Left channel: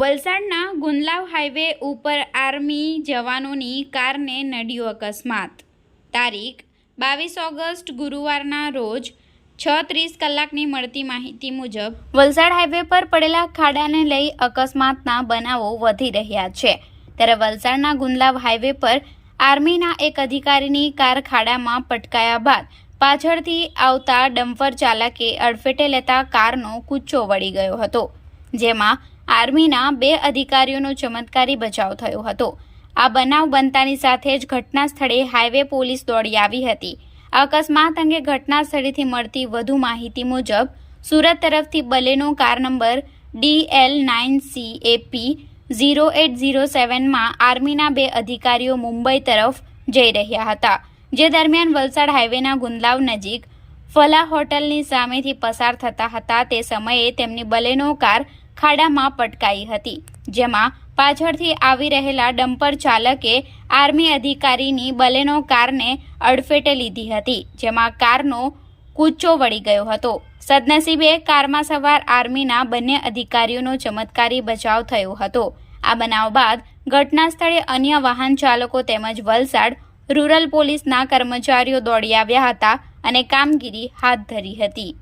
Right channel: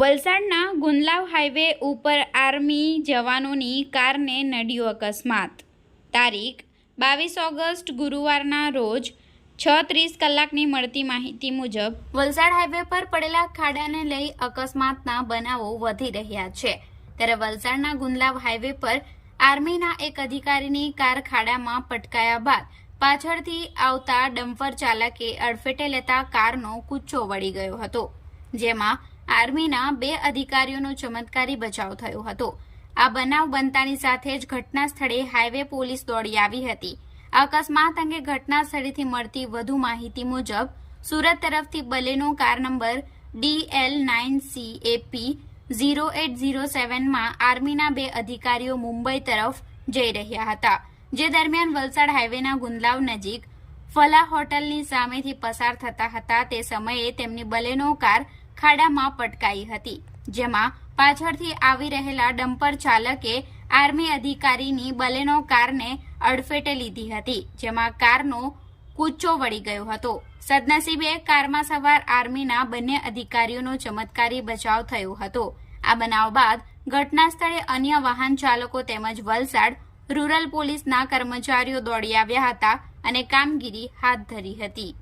વલસાડના ગુંદલાવ હાઈવે ઉપર આર્મી જવાનોની કારને નડ્યો અકસ્માત। તારીખ 22 ઓગસ્ટ ગુરુવારના રોજ 6:30 કલાકની મળતી માહિતી મુજબ વલસાડ હાઈવે પર પડેલા ખાડાને લઈ અકસ્માતના બનાવો વધી રહ્યા છે। ત્યારે વલસાડના ગુંદલાવ હાઈવે પર આર્મીના એક અધિકારીની કાર ખાડામાં પટકાયા બાદ પાછળથી આવતા ડમ્પર ચાલકે અડફેટે લેતા કારનો કૂચો વળી ગયો હતો, જેમાં આર્મીના 2 અધિકારીઓનો ચમત્કારી બચાવ થયો હતો। આ બનાવ બનતાની સાથે જ ઘટના સ્થળે હાઈવે પોલીસ દોડી આવી હતી। આ અકસ્માત અંગે ઘટના સ્થળેથી મળતી વધુ માહિતી મુજબ સુરત તરફથી બલેનો કાર નંબર DL9CAP 0807 માં આર્મીના 2 અધિકારીઓ મુંબઈ તરફ જઈ રહ્યા હતા, જે દરમિયાન વલસાડ હાઈવેના ગુંદલાવ નજીક ફલા હોટલની સામેથી પસાર થતા હતા। તે સમયે તેમની બલેનો કાર ખાડામાં પટકાઈ હતી, જેમાં પાછળથી આવી રહેલા ડમ્પર ચાલકે આર્મી અધિકારીની બલેનો કારને અડફેટે લીધી હતી, જેમાં કારનો કૂચો વળી ગયો હતો। સદનસીબે કારમાં સવાર આર્મીના બંને અધિકારીઓનો ચમત્કારી બચાવ થયો હતો। આ બનાવ બાદ ઘટના સ્થળે અન્ય વાહન ચાલકો તેમજ વલસાડ રૂરલ પોલીસના કર્મચારીઓ દોડી આવ્યા હતા અને કામગીરી હાથ ધરી હતી।